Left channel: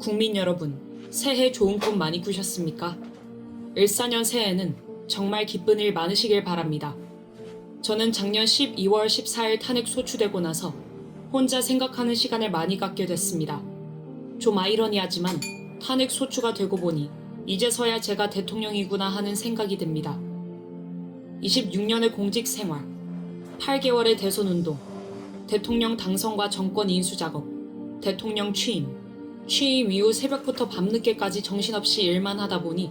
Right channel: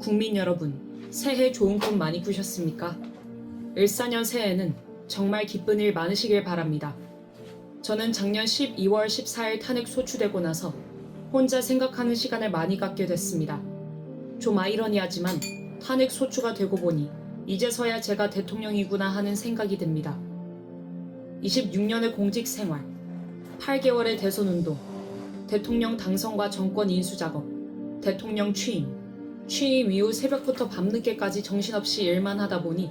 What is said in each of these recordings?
국민 여러분, 새해 좋은 꿈 많이 꾸셨습니까? 을사년 새해에는 정말 기쁜 일 많으시길 바랍니다. 저는 작년 12월 14일 탄핵 소추되고 나서 혼자 생각하는 시간을 많이 갖게 됐습니다. 좀 아이러니하지만 탄핵 소추가 되고 보니 이제서야 제가 대통령이구나 하는 생각이 듭니다. 26년의 공직 생활, 8개월의 대선 운동, 대통령 당선과 정권 인수 작업, 대통령 취임 이후 새벽부터 밤늦게까지 정신없이 일만 하다 보니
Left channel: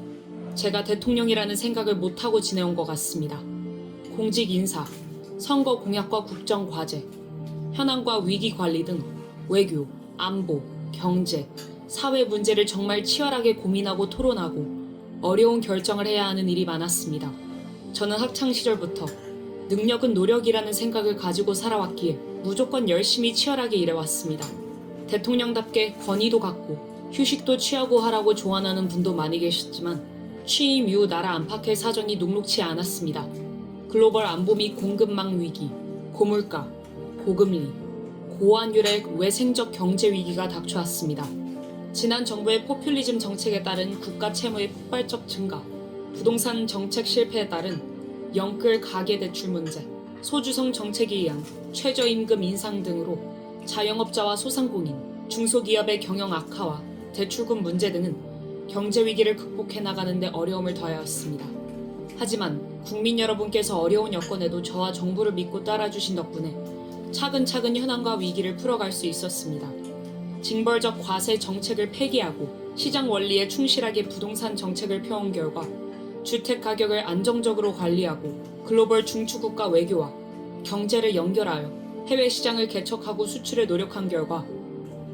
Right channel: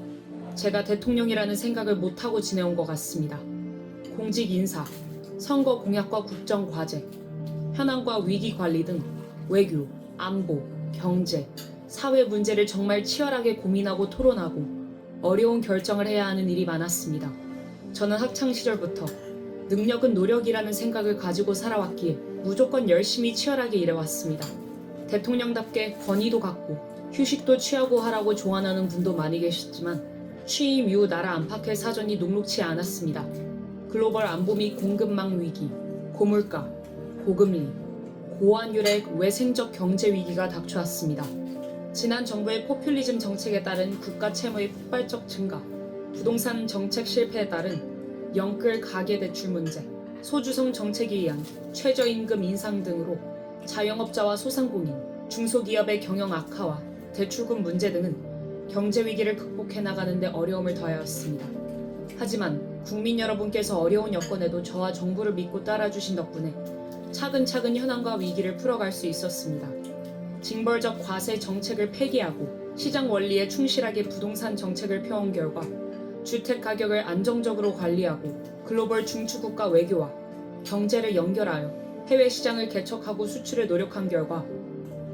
제가 대통령이라는 생각을 못하고 지내온 것 같습니다. 공직 인사, 선거 공약과 국정 과제, 현안과 위기 관리 등 외교, 안보, 경제, 사회 문제를 정말 치열하게 고민하고 토론하고 어려운 결정을 해야 하는 일이 많았습니다. 저는 학창 시절부터 능력은 노력이라는 생각을 가지고 살아왔기에 무조건 열심히 치열하게 일해왔습니다. 대통령답게 권위도 갖고 휴식도 취하고 하라고 조언하는 분도 많이 계셨지만 취임 이후 나라 안팎의 사정이 녹록치 않았습니다. 글로벌 안보 및 공급망 위기, 고물가, 고금리, 고환율의 외생적 경제 위기가 닥쳐왔습니다. 지난 정부의 포퓰리즘 정책에 따른 국가 채무의 폭발적 증가, 부동산 정책 실패에 따른 영끌 가계대출 문제, 소주성 정책에 의한 최저임금 인상 등으로 자영업자와 소상공인, 중소기업의 경영 악화와 대출금 문제 등은 경제 위기를 극복해 나가는 데 어려움을 더하였습니다. 하지만 국민 여러분께서 어려운 여건에도 저와 정부를 믿고 따라주신 덕분에 차근차근 현안과 위기를 풀어갈 수 있었습니다. 징벌적 과세 정책을 폐기하고 시장 원리에 충실하게 부동산 정책을 펴온 결과 주택 가격을 안정적으로 관리하고 글로벌 중추국가 외교와 경제를 연결하여 해외 시장을 개척하고 수출에 노력한 결과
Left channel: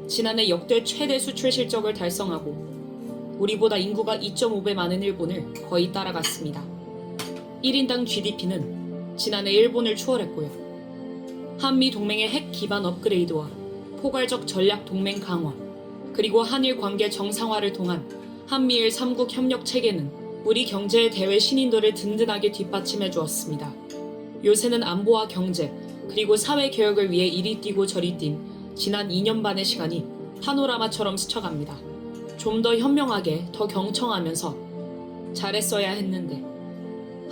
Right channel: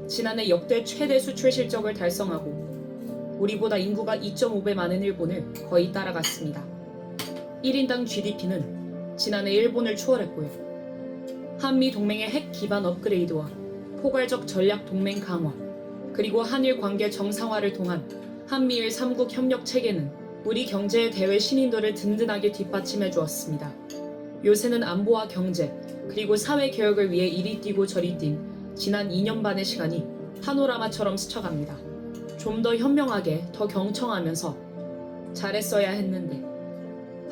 지난해 역대 최대 수출 실적을 달성하고 우리보다 인구가 2.5배 많은 일본을 거의 따라갔습니다. 1인당 GDP는 지난해 일본을 추월했고요. 한미 동맹의 핵 기반 업그레이드와 포괄적 전략 동맹 강화, 그리고 한일 관계 정상화를 통한 한미일 3국 협력 체계는 우리 경제의 대외 신인도를 든든하게 뒷받침해 주었습니다. 요새는 안보와 경제, 그리고 사회 개혁을 위해 이리 뛰고 저리 뛴 지난 2년 반의 시간이 파노라마처럼 스쳐갑니다. 좀 더 현명하게, 더 경청하면서 잘했어야 했는데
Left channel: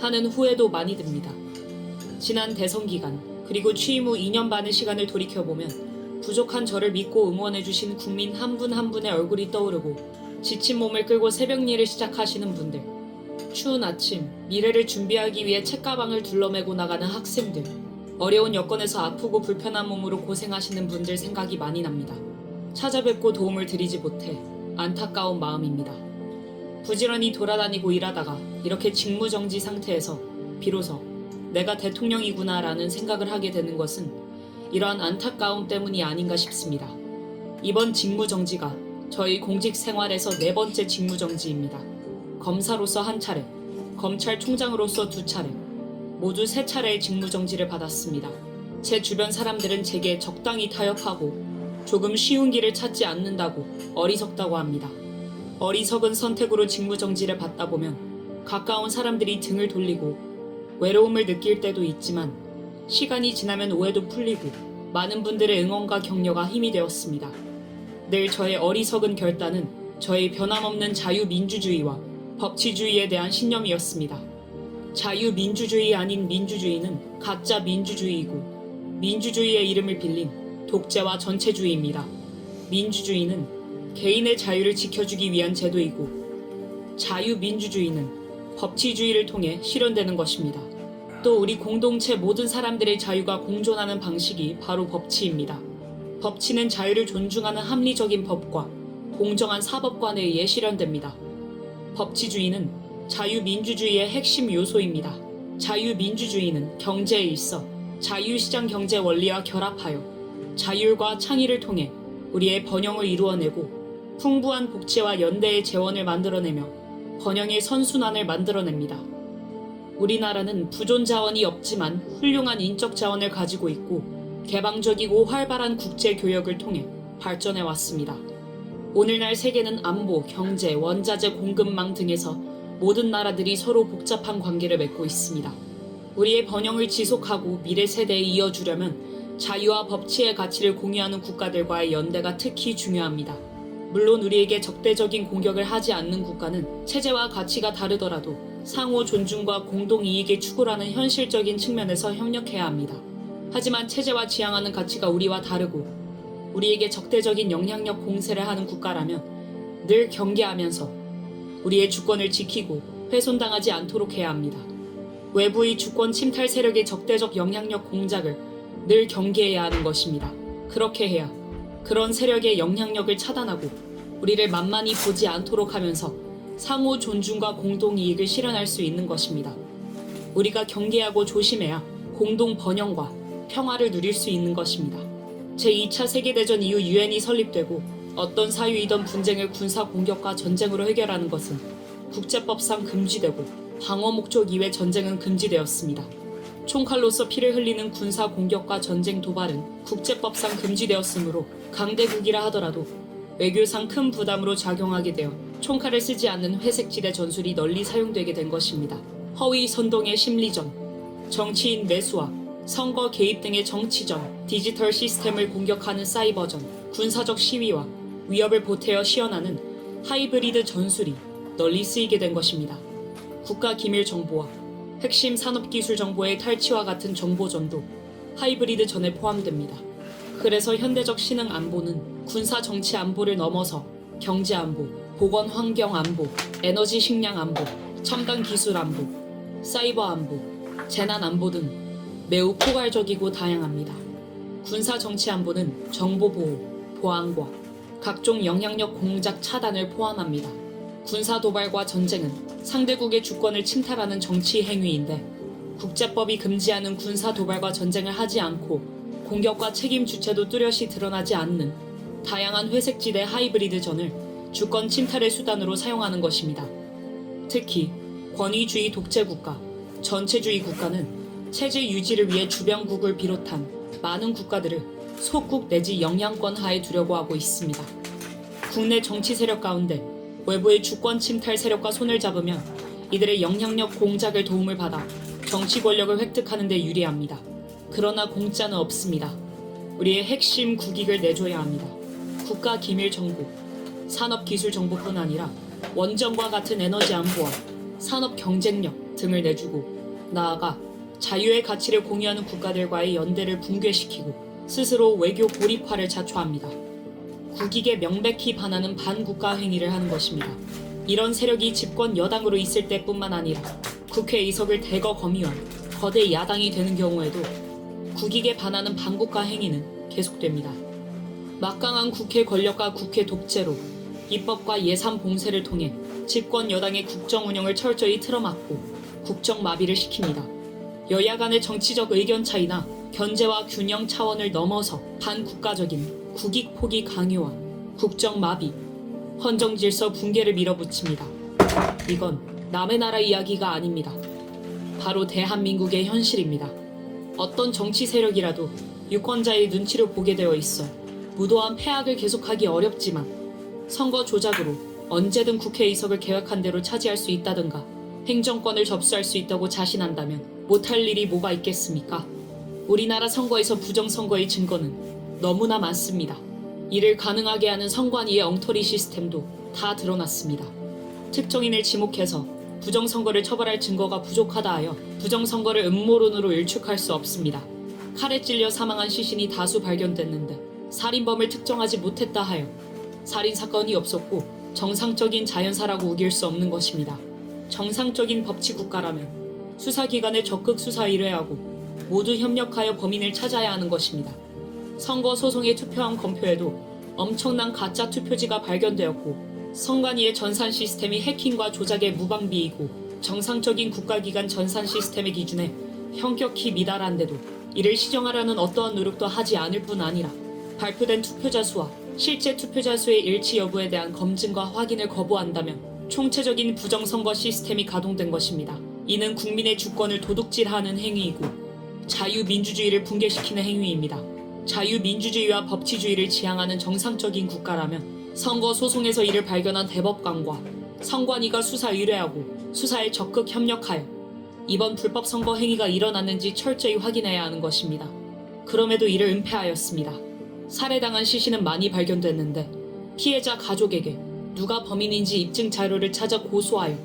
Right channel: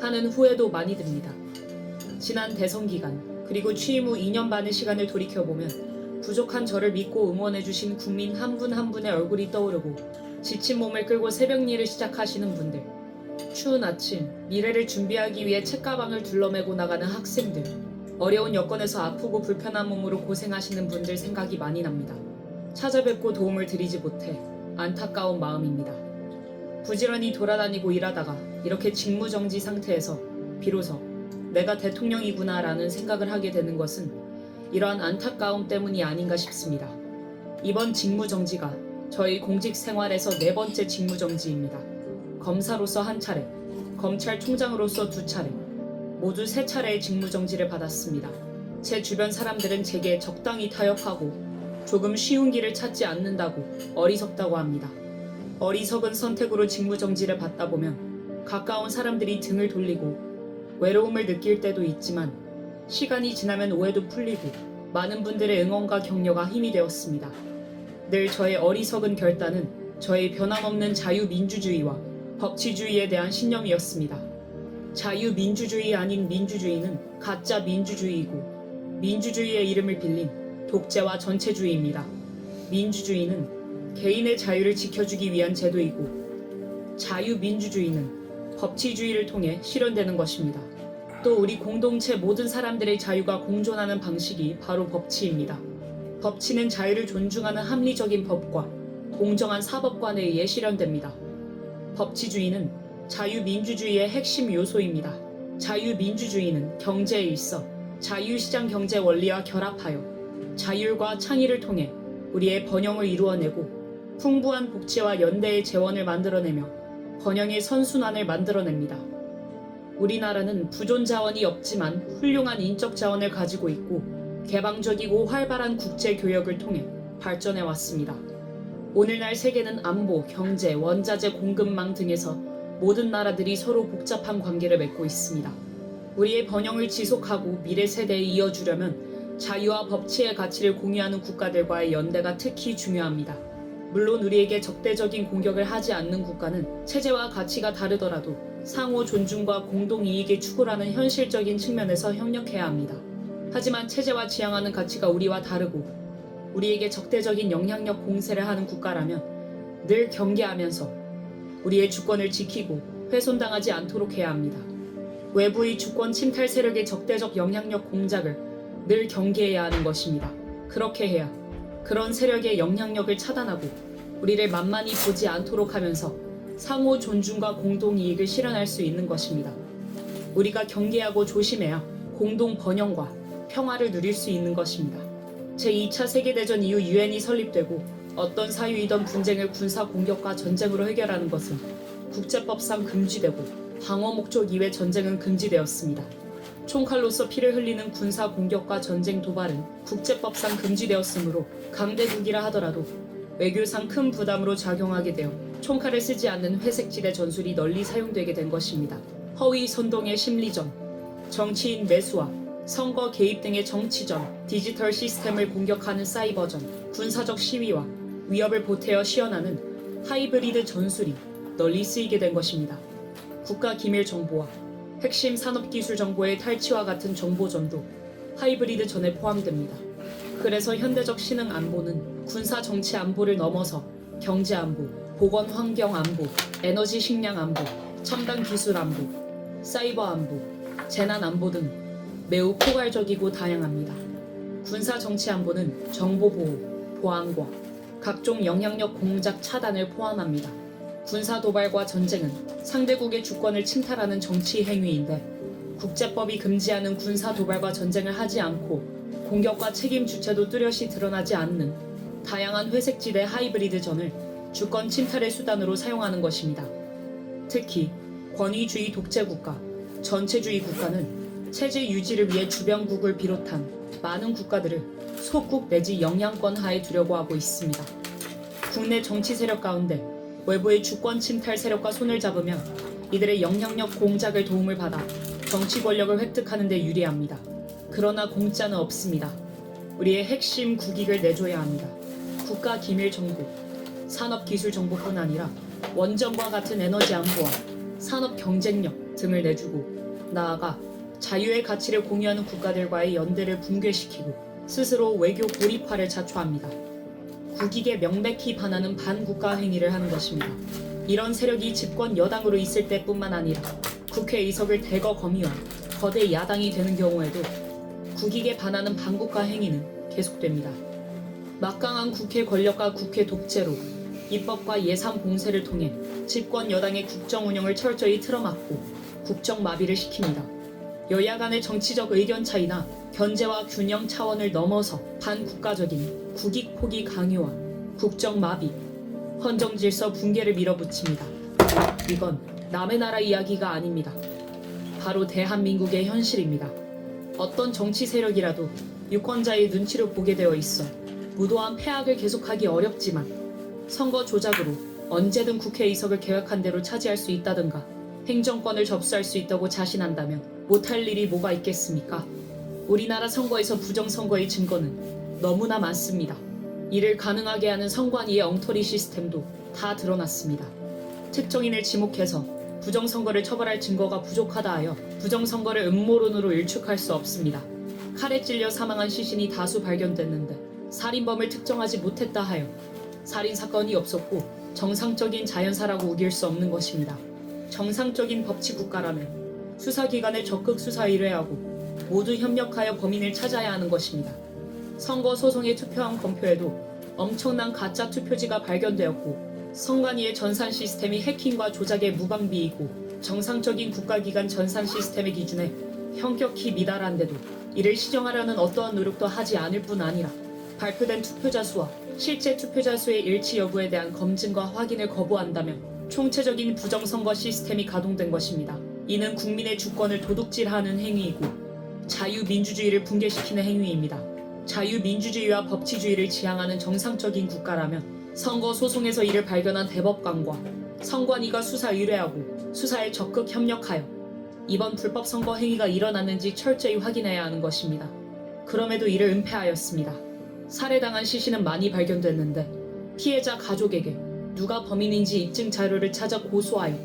하는 후회도 많이 듭니다. 지난 대선 기간, 그리고 취임 후 2년 반의 시간을 돌이켜보면 부족한 저를 믿고 응원해주신 국민 한 분 한 분의 얼굴이 떠오르고 지친 몸을 끌고 새벽 일을 시작하시는 분들, 추운 아침, 미래를 준비하기 위해 책가방을 둘러매고 나가는 학생들, 어려운 여건에서 아프고 불편한 몸으로 고생하시는 분들 생각이 많이 납니다. 찾아뵙고 도움을 드리지 못해 안타까운 마음입니다. 부지런히 돌아다니고 일하다가 이렇게 직무정지 상태에서 비로소 내가 대통령이구나 라는 생각을 하게 되는 것은 이러한 안타까움 때문이 아닌가 싶습니다. 이번 직무정지가 저희 공직 생활에서 4번째 직무정지입니다. 검사로서 1차례, 검찰총장으로서 2차례, 모두 3차례의 직무정지를 받았습니다. 제 주변 사람들은 제게 적당히 타협하고 조금 쉬운 길을 찾지 않는다고 어리석다고 합니다. 어리석은 선택으로 직무정지를 받다 보면 가까운 사람들이 등을 돌리고 외로움을 느낄 때도 있지만 시간이 지나면 오해도 풀리고 많은 분들의 응원과 격려가 힘이 되었습니다. 늘 저의 어리석은 결단은 저의 변함없는 자유민주주의와 법치주의에 대한 신념이었습니다. 자유민주주의 아닌 민주주의는 가짜 민주주의이고 민주주의의 이름을 빌린 독재와 전체주의입니다. 민주주의는 개인의 자유를 지켜주기 위한 제도이고 자유민주주의는 법치주의를 통해 실현되는 것입니다. 또 우리 공동체 모든 사람들의 자유가 공존하는 방식이 바로 법치입니다. 법치는 자유를 존중하는 합리적인 법과 공정한 사법관에 의해 실현됩니다. 법치주의는 자유민주주의의 핵심 요소입니다. 자유민주주의는 경제에 있어 자유시장 경제 원리와 결합하여 자율과 창의를 통해 우리의 번영을 이루어내고 풍부한 복지와 연대의 재원을 만들어내며 번영의 선순환을 만들어냅니다. 우리나라는 부존 자원이 없지만 훌륭한 인적 자원을 가지고 있고 개방적이고 활발한 국제 교역을 통해 발전해 왔습니다. 오늘날 세계는 안보, 경제, 원자재 공급망 등에서 모든 나라들이 서로 복잡한 관계를 맺고 있습니다. 우리의 번영을 지속하고 미래 세대에 이어주려면 자유와 법치의 가치를 공유하는 국가들과의 연대가 특히 중요합니다. 물론 우리에게 적대적인 공격을 하지 않는 국가는 체제와 가치가 다르더라도 상호 존중과 공동 이익의 추구라는 현실적인 측면에서 협력해야 합니다. 하지만 체제와 지향하는 가치가 우리와 다르고 우리에게 적대적인 영향력 공세를 하는 국가라면 늘 경계하면서 우리의 주권을 지키고 훼손당하지 않도록 해야 합니다. 외부의 주권 침탈 세력의 적대적 영향력 공작을 늘 경계해야 하는 것입니다. 그렇게 해야 그런 세력의 영향력을 차단하고 우리를 만만히 보지 않도록 하면서 상호 존중과 공동 이익을 실현할 수 있는 것입니다. 우리가 경계하고 조심해야 공동 번영과 평화를 누릴 수 있는 것입니다. 제2차 세계대전 이후 유엔이 설립되고 어떤 사유이던 분쟁을 군사 공격과 전쟁으로 해결하는 것은 국제법상 금지되고 방어 목적 이외 전쟁은 금지되었습니다. 총칼로서 피를 흘리는 군사 공격과 전쟁 도발은 국제법상 금지되었으므로 강대국이라 하더라도 외교상 큰 부담으로 작용하게 되어 총칼을 쓰지 않는 회색지대 전술이 널리 사용되게 된 것입니다. 허위 선동의 심리전, 정치인 매수와 선거 개입 등의 정치전, 디지털 시스템을 공격하는 사이버전, 군사적 시위와 위협을 보태어 시연하는 하이브리드 전술이 널리 쓰이게 된 것입니다. 국가 기밀 정보와 핵심 산업기술 정보의 탈취와 같은 정보전도 하이브리드 전에 포함됩니다. 그래서 현대적 신흥 안보는 군사 정치 안보를 넘어서 경제 안보, 보건 환경 안보, 에너지 식량 안보, 첨단 기술 안보, 사이버 안보, 재난 안보 등 매우 포괄적이고 다양합니다. 군사 정치 안보는 정보 보호, 보안과 각종 영향력 공작 차단을 포함합니다. 군사 도발과 전쟁은 상대국의 주권을 침탈하는 정치 행위인데 국제법이 금지하는 군사 도발과 전쟁을 하지 않고 공격과 책임 주체도 뚜렷이 드러나지 않는 다양한 회색지대 하이브리드 전을 주권 침탈의 수단으로 사용하는 것입니다. 특히 권위주의 독재국가, 전체주의 국가는 체제 유지를 위해 주변국을 비롯한 많은 국가들을 소국 내지 영향권 하에 두려고 하고 있습니다. 국내 정치 세력 가운데 외부의 주권 침탈 세력과 손을 잡으면 이들의 영향력 공작을 도움을 받아 정치 권력을 획득하는 데 유리합니다. 그러나 공짜는 없습니다. 우리의 핵심 국익을 내줘야 합니다. 국가 기밀 정보, 산업 기술 정보뿐 아니라 원전과 같은 에너지 안보와 산업 경쟁력 등을 내주고 나아가 자유의 가치를 공유하는 국가들과의 연대를 붕괴시키고 스스로 외교 고립화를 자초합니다. 국익에 명백히 반하는 반국가 행위를 하는 것입니다. 이런 세력이 집권 여당으로 있을 때뿐만 아니라 국회 의석을 대거 거미한 거대 야당이 되는 경우에도 국익에 반하는 반국가 행위는 계속됩니다. 막강한 국회 권력과 국회 독재로 입법과 예산 봉쇄를 통해 집권 여당의 국정 운영을 철저히 틀어막고 국정 마비를 시킵니다. 여야 간의 정치적 의견 차이나 견제와 균형 차원을 넘어서 반국가적인 국익 포기 강요와 국정 마비, 헌정 질서 붕괴를 밀어붙입니다. 이건 남의 나라 이야기가 아닙니다. 바로 대한민국의 현실입니다. 어떤 정치 세력이라도 유권자의 눈치를 보게 되어 있어 무도한 폐악을 계속하기 어렵지만 선거 조작으로 언제든 국회 의석을 계획한 대로 차지할 수 있다든가 행정권을 접수할 수 있다고 자신한다면 못할 일이 뭐가 있겠습니까? 우리나라 선거에서 부정선거의 증거는 너무나 많습니다. 이를 가능하게 하는 선관위의 엉터리 시스템도 다 드러났습니다. 특정인을 지목해서 부정선거를 처벌할 증거가 부족하다 하여 부정선거를 음모론으로 일축할 수 없습니다. 칼에 찔려 사망한 시신이 다수 발견됐는데 살인범을 특정하지 못했다 하여 살인사건이 없었고 정상적인 자연사라고 우길 수 없는 것입니다. 정상적인 법치국가라면 수사기관에 적극 수사 의뢰하고 모두 협력하여 범인을 찾아야 하는 것입니다. 선거 소송에 투표한 검표에도 엄청난 가짜 투표지가 발견되었고 선관위의 전산 시스템이 해킹과 조작에 무방비이고 정상적인 국가기관 전산 시스템의 기준에 현격히 미달한데도 이를 시정하려는 어떠한 노력도 하지 않을 뿐 아니라 발표된 투표자 수와 실제 투표자 수의 일치 여부에 대한 검증과 확인을 거부한다면 총체적인 부정선거 시스템이 가동된 것입니다. 이는 국민의 주권을 도둑질하는 행위이고 자유민주주의를 붕괴시키는 행위입니다. 자유민주주의와 법치주의를 지향하는 정상적인 국가라면 선거 소송에서 이를 발견한 대법관과 선관위가 수사 의뢰하고 수사에 적극 협력하여 이번 불법 선거 행위가 일어났는지 철저히 확인해야 하는 것입니다. 그럼에도 이를 은폐하였습니다. 살해당한 시신은 많이 발견됐는데 피해자 가족에게 누가 범인인지 입증 자료를 찾아 고소하여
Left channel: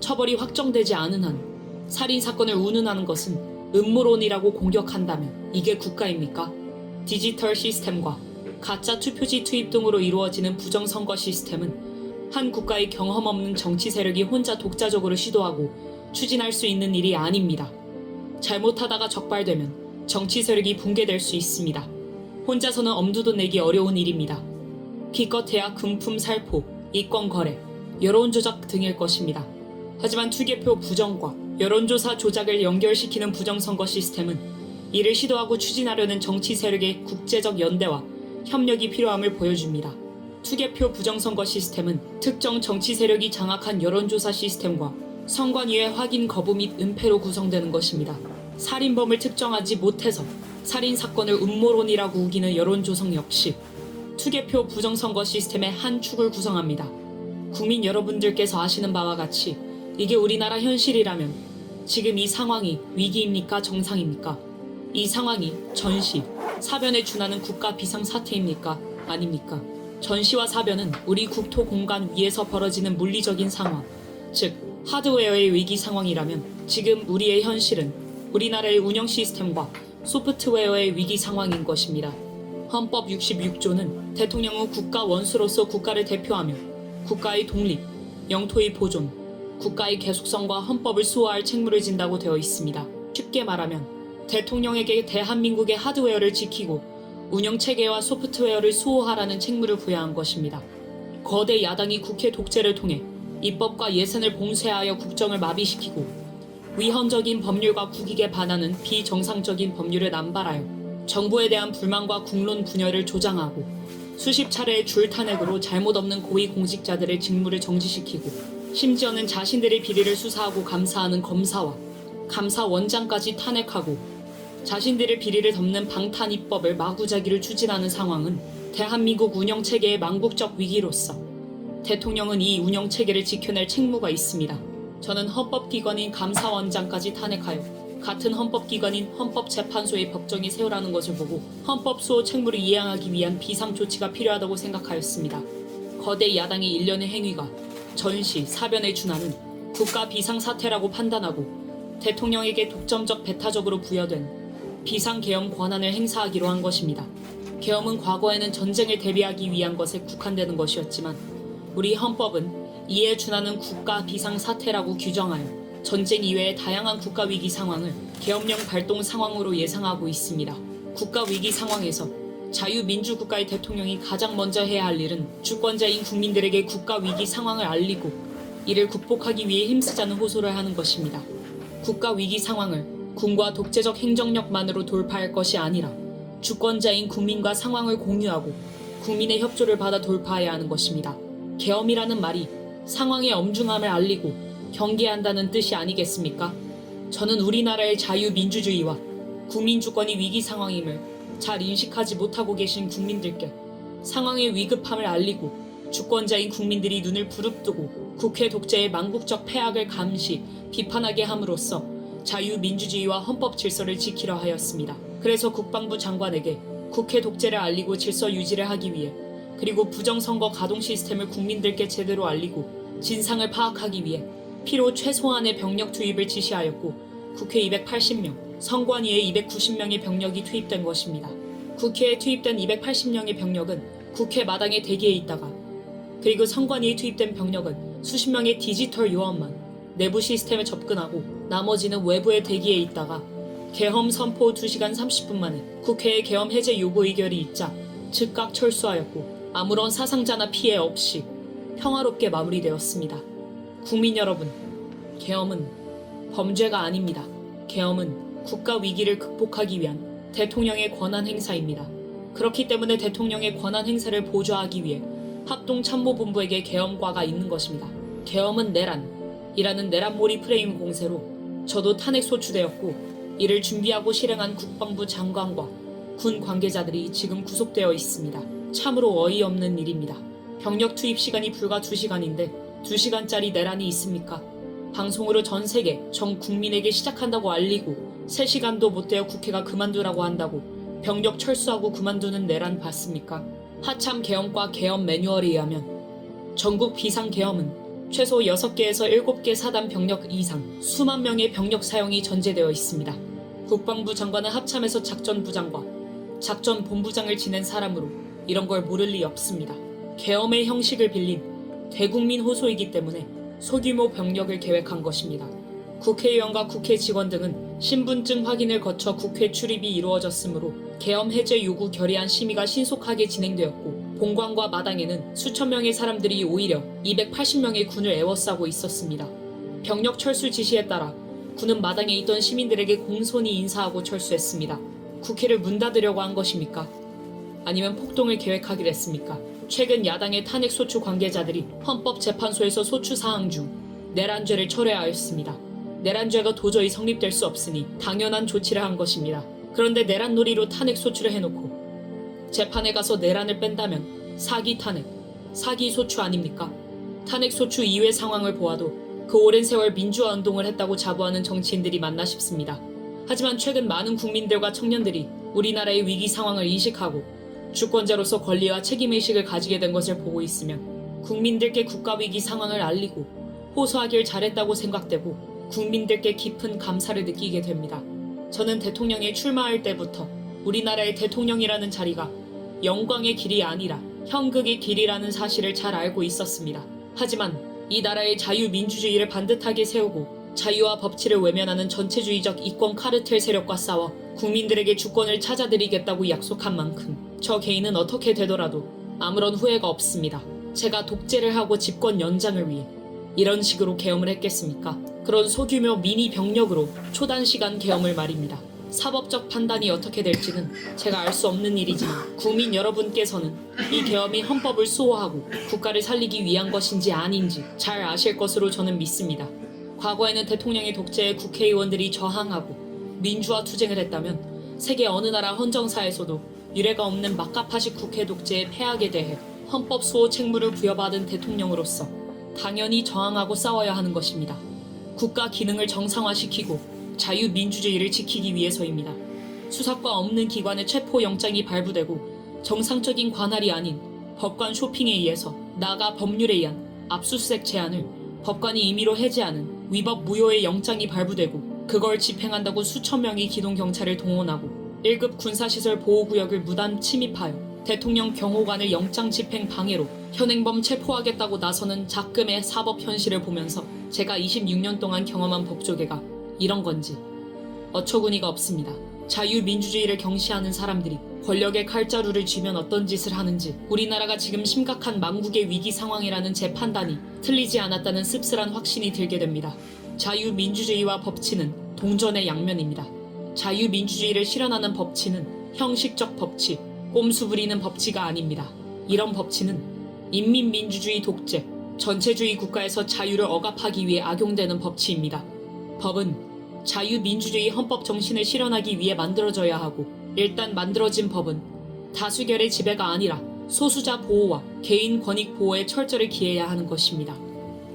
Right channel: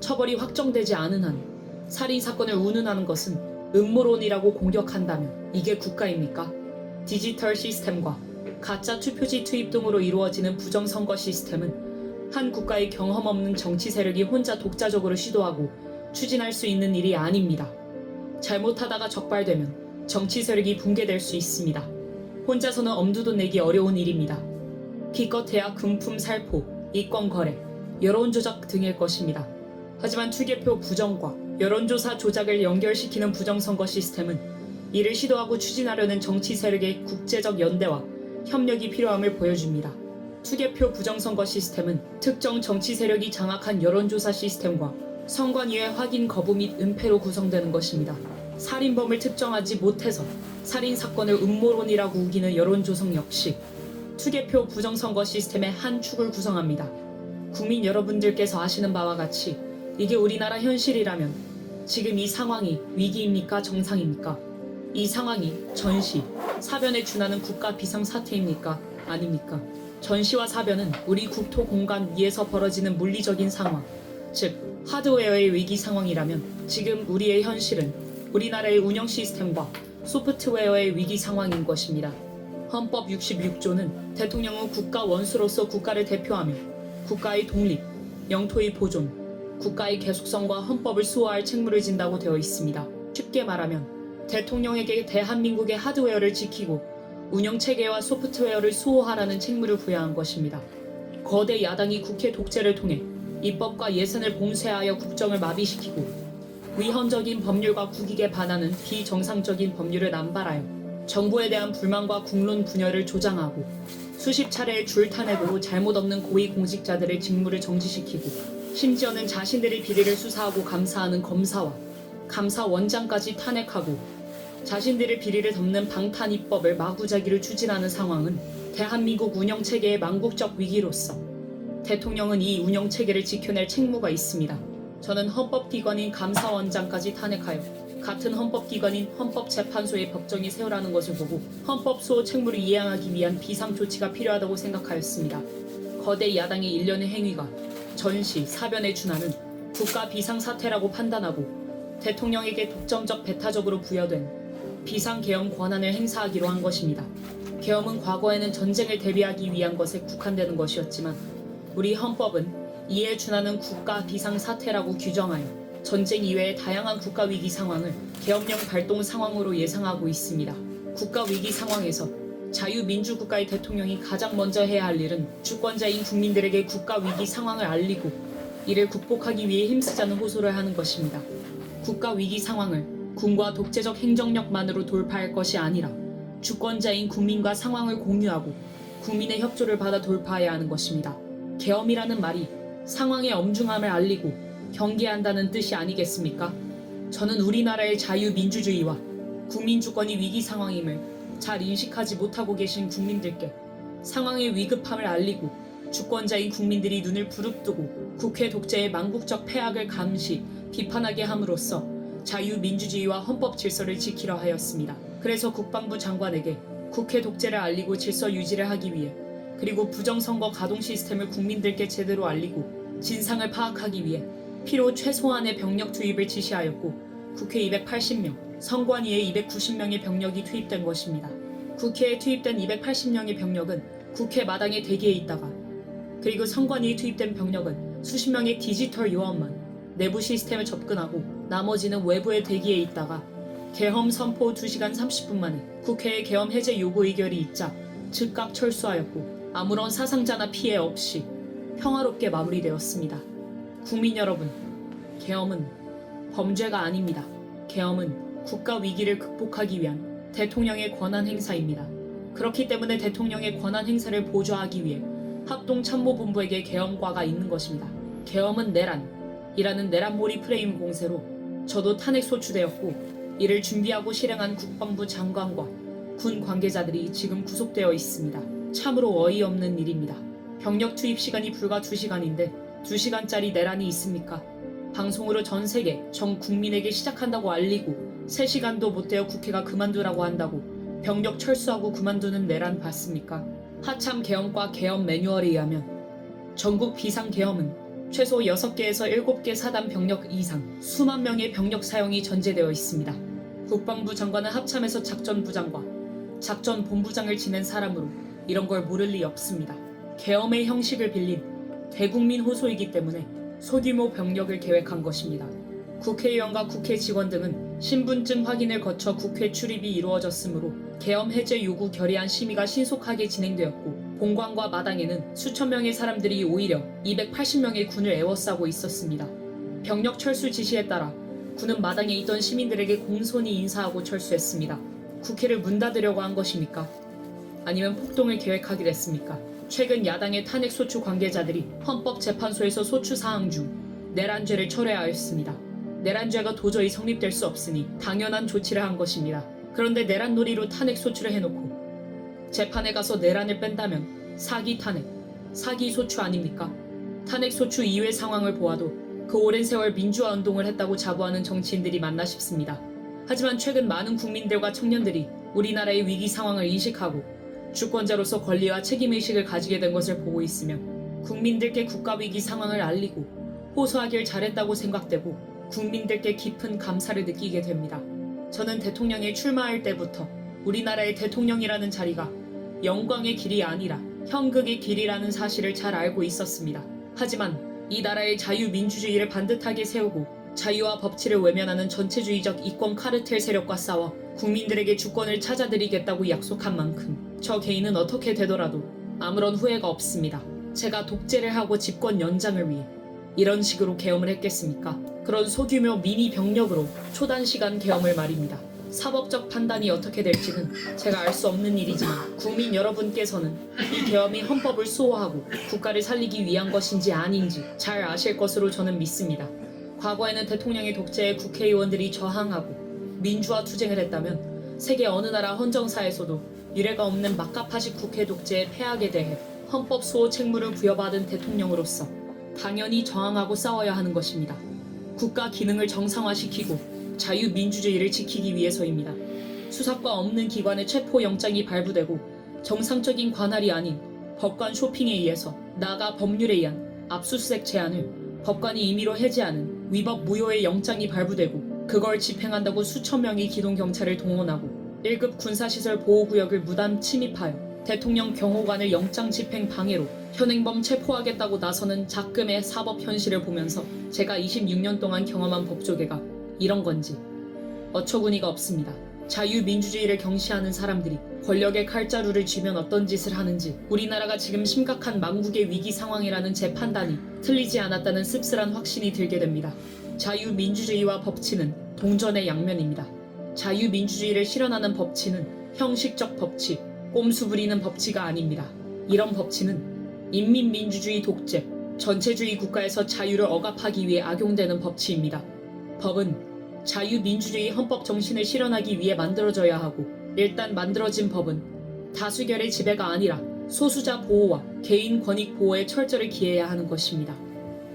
처벌이 확정되지 않은 한 살인 사건을 운운하는 것은 음모론이라고 공격한다면 이게 국가입니까? 디지털 시스템과 가짜 투표지 투입 등으로 이루어지는 부정선거 시스템은 한 국가의 경험 없는 정치 세력이 혼자 독자적으로 시도하고 추진할 수 있는 일이 아닙니다. 잘못하다가 적발되면 정치 세력이 붕괴될 수 있습니다. 혼자서는 엄두도 내기 어려운 일입니다. 기껏해야 금품 살포, 이권 거래, 여론조작 등일 것입니다. 하지만 투개표 부정과 여론조사 조작을 연결시키는 부정선거 시스템은 이를 시도하고 추진하려는 정치 세력의 국제적 연대와 협력이 필요함을 보여줍니다. 투개표 부정선거 시스템은 특정 정치 세력이 장악한 여론조사 시스템과 선관위의 확인 거부 및 은폐로 구성되는 것입니다. 살인범을 특정하지 못해서 살인사건을 음모론이라고 우기는 여론조성 역시 투개표 부정선거 시스템의 한 축을 구성합니다. 국민 여러분들께서 아시는 바와 같이 이게 우리나라 현실이라면 지금 이 상황이 위기입니까? 정상입니까? 이 상황이 전시, 사변에 준하는 국가 비상사태입니까? 아닙니까? 전시와 사변은 우리 국토 공간 위에서 벌어지는 물리적인 상황, 즉 하드웨어의 위기 상황이라면 지금 우리의 현실은 우리나라의 운영 시스템과 소프트웨어의 위기 상황인 것입니다. 헌법 66조는 대통령은 국가 원수로서 국가를 대표하며 국가의 독립, 영토의 보존, 국가의 계속성과 헌법을 수호할 책무를 진다고 되어 있습니다. 쉽게 말하면 대통령에게 대한민국의 하드웨어를 지키고 운영체계와 소프트웨어를 수호하라는 책무를 부여한 것입니다. 거대 야당이 국회 독재를 통해 입법과 예산을 봉쇄하여 국정을 마비시키고 위헌적인 법률과 국익에 반하는 비정상적인 법률을 남발하여 정부에 대한 불만과 국론 분열을 조장하고 수십 차례의 줄탄핵으로 잘못 없는 고위공직자들의 직무를 정지시키고 심지어는 자신들의 비리를 수사하고 감사하는 검사와 감사원장까지 탄핵하고 자신들의 비리를 덮는 방탄입법을 마구잡이를 추진하는 상황은 대한민국 운영체계의 망국적 위기로서 대통령은 이 운영체계를 지켜낼 책무가 있습니다. 저는 헌법기관인 감사원장까지 탄핵하여 같은 헌법기관인 헌법재판소의 법정에 세우라는 것을 보고 헌법 수호 책무를 이행하기 위한 비상조치가 필요하다고 생각하였습니다. 거대 야당의 일련의 행위가 전시, 사변에 준하는 국가 비상사태라고 판단하고 대통령에게 독점적 배타적으로 부여된 비상계엄 권한을 행사하기로 한 것입니다. 계엄은 과거에는 전쟁을 대비하기 위한 것에 국한되는 것이었지만 우리 헌법은 이에 준하는 국가 비상사태라고 규정하여 전쟁 이외의 다양한 국가 위기 상황을 계엄령 발동 상황으로 예상하고 있습니다. 국가 위기 상황에서 자유민주국가의 대통령이 가장 먼저 해야 할 일은 주권자인 국민들에게 국가 위기 상황을 알리고 이를 극복하기 위해 힘쓰자는 호소를 하는 것입니다. 국가 위기 상황을 군과 독재적 행정력만으로 돌파할 것이 아니라 주권자인 국민과 상황을 공유하고 국민의 협조를 받아 돌파해야 하는 것입니다. 계엄이라는 말이 상황의 엄중함을 알리고 경계한다는 뜻이 아니겠습니까? 저는 우리나라의 자유민주주의와 국민주권이 위기 상황임을 잘 인식하지 못하고 계신 국민들께 상황의 위급함을 알리고 주권자인 국민들이 눈을 부릅뜨고 국회 독재의 망국적 폐악을 감시, 비판하게 함으로써 자유민주주의와 헌법 질서를 지키려 하였습니다. 그래서 국방부 장관에게 국회 독재를 알리고 질서 유지를 하기 위해 그리고 부정선거 가동 시스템을 국민들께 제대로 알리고 진상을 파악하기 위해 필요 최소한의 병력 투입을 지시하였고 국회 280명, 선관위에 290명의 병력이 투입된 것입니다. 국회에 투입된 280명의 병력은 국회 마당에 대기해 있다가 그리고 선관위에 투입된 병력은 수십 명의 디지털 요원만 내부 시스템에 접근하고 나머지는 외부에 대기해 있다가 계엄 선포 2시간 30분 만에 국회의 계엄 해제 요구 의결이 있자 즉각 철수하였고 아무런 사상자나 피해 없이 평화롭게 마무리되었습니다. 국민 여러분, 계엄은 범죄가 아닙니다. 계엄은 국가 위기를 극복하기 위한 대통령의 권한 행사입니다. 그렇기 때문에 대통령의 권한 행사를 보좌하기 위해 합동참모본부에게 계엄과가 있는 것입니다. 계엄은 내란이라는 내란몰이 프레임 공세로 저도 탄핵 소추되었고 이를 준비하고 실행한 국방부 장관과 군 관계자들이 지금 구속되어 있습니다. 참으로 어이없는 일입니다. 병력 투입 시간이 불과 2시간인데 2시간짜리 내란이 있습니까? 방송으로 전 세계, 전 국민에게 시작한다고 알리고 3시간도 못 되어 국회가 그만두라고 한다고 병력 철수하고 그만두는 내란 봤습니까? 하참 계엄과 계엄 매뉴얼에 의하면 전국 비상계엄은 최소 6개에서 7개 사단 병력 이상 수만 명의 병력 사용이 전제되어 있습니다. 국방부 장관은 합참에서 작전부장과 작전본부장을 지낸 사람으로 이런 걸 모를 리 없습니다. 계엄의 형식을 빌린 대국민 호소이기 때문에 소규모 병력을 계획한 것입니다. 국회의원과 국회 직원 등은 신분증 확인을 거쳐 국회 출입이 이루어졌으므로 계엄 해제 요구 결의안 심의가 신속하게 진행되었고 본관과 마당에는 수천 명의 사람들이 오히려 280명의 군을 에워싸고 있었습니다. 병력 철수 지시에 따라 군은 마당에 있던 시민들에게 공손히 인사하고 철수했습니다. 국회를 문 닫으려고 한 것입니까? 아니면 폭동을 계획하기로 했습니까? 최근 야당의 탄핵 소추 관계자들이 헌법재판소에서 소추 사항 중 내란죄를 철회하였습니다. 내란죄가 도저히 성립될 수 없으니 당연한 조치를 한 것입니다. 그런데 내란놀이로 탄핵 소추를 해놓고 재판에 가서 내란을 뺀다면 사기 탄핵, 사기 소추 아닙니까? 탄핵 소추 이후의 상황을 보아도 그 오랜 세월 민주화 운동을 했다고 자부하는 정치인들이 맞나 싶습니다. 하지만 최근 많은 국민들과 청년들이 우리나라의 위기 상황을 인식하고 주권자로서 권리와 책임의식을 가지게 된 것을 보고 있으며 국민들께 국가위기 상황을 알리고 호소하길 잘했다고 생각되고 국민들께 깊은 감사를 느끼게 됩니다. 저는 대통령에 출마할 때부터 우리나라의 대통령이라는 자리가 영광의 길이 아니라 현극의 길이라는 사실을 잘 알고 있었습니다. 하지만 이 나라의 자유민주주의를 반듯하게 세우고 자유와 법치를 외면하는 전체주의적 이권 카르텔 세력과 싸워 국민들에게 주권을 찾아드리겠다고 약속한 만큼 저 개인은 어떻게 되더라도 아무런 후회가 없습니다. 제가 독재를 하고 집권 연장을 위해 이런 식으로 계엄을 했겠습니까? 그런 소규모 미니 병력으로 초단시간 계엄을 말입니다. 사법적 판단이 어떻게 될지는 제가 알 수 없는 일이지만 국민 여러분께서는 이 계엄이 헌법을 수호하고 국가를 살리기 위한 것인지 아닌지 잘 아실 것으로 저는 믿습니다. 과거에는 대통령의 독재에 국회의원들이 저항하고 민주화 투쟁을 했다면 세계 어느 나라 헌정사에서도 유례가 없는 막가파식 국회 독재의 폐악에 대해 헌법 수호 책무를 부여받은 대통령으로서 당연히 저항하고 싸워야 하는 것입니다. 국가 기능을 정상화시키고 자유민주주의를 지키기 위해서입니다. 수사과 없는 기관의 체포영장이 발부되고 정상적인 관할이 아닌 법관 쇼핑에 의해서 나아가 법률에 의한 압수수색 제한을 법관이 임의로 해제하는 위법 무효의 영장이 발부되고 그걸 집행한다고 수천 명의 기동경찰을 동원하고 1급 군사시설 보호구역을 무단 침입하여 대통령 경호관을 영장 집행 방해로 현행범 체포하겠다고 나서는 작금의 사법 현실을 보면서 제가 26년 동안 경험한 법조계가 이런 건지 어처구니가 없습니다. 자유민주주의를 경시하는 사람들이 권력의 칼자루를 쥐면 어떤 짓을 하는지 우리나라가 지금 심각한 망국의 위기 상황이라는 제 판단이 틀리지 않았다는 씁쓸한 확신이 들게 됩니다. 자유민주주의와 법치는 동전의 양면입니다. 자유민주주의를 실현하는 법치는 형식적 법치, 꼼수 부리는 법치가 아닙니다. 이런 법치는 인민민주주의 독재, 전체주의 국가에서 자유를 억압하기 위해 악용되는 법치입니다. 법은 자유민주주의 헌법 정신을 실현하기 위해 만들어져야 하고 일단 만들어진 법은 다수결의 지배가 아니라 소수자 보호와 개인 권익 보호에 철저히 기해야 하는 것입니다.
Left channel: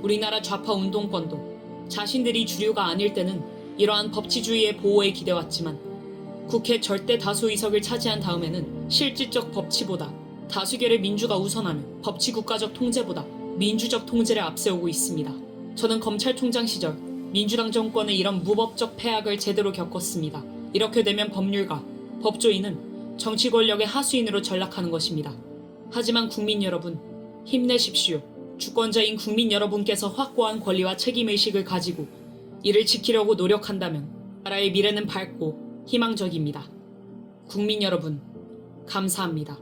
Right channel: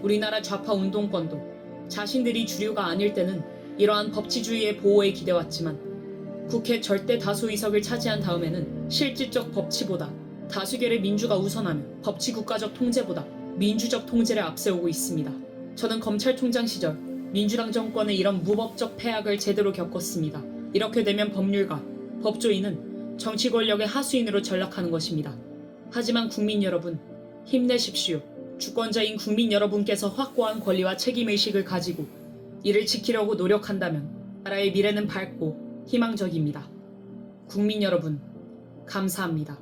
우리나라 좌파 운동권도 자신들이 주류가 아닐 때는 이러한 법치주의의 보호에 기대왔지만 국회 절대 다수 의석을 차지한 다음에는 실질적 법치보다 다수결의 민주가 우선하며 법치 국가적 통제보다 민주적 통제를 앞세우고 있습니다. 저는 검찰총장 시절 민주당 정권의 이런 무법적 폐악을 제대로 겪었습니다. 이렇게 되면 법률가, 법조인은 정치 권력의 하수인으로 전락하는 것입니다. 하지만 국민 여러분, 힘내십시오. 주권자인 국민 여러분께서 확고한 권리와 책임의식을 가지고 이를 지키려고 노력한다면 나라의 미래는 밝고 희망적입니다. 국민 여러분, 감사합니다.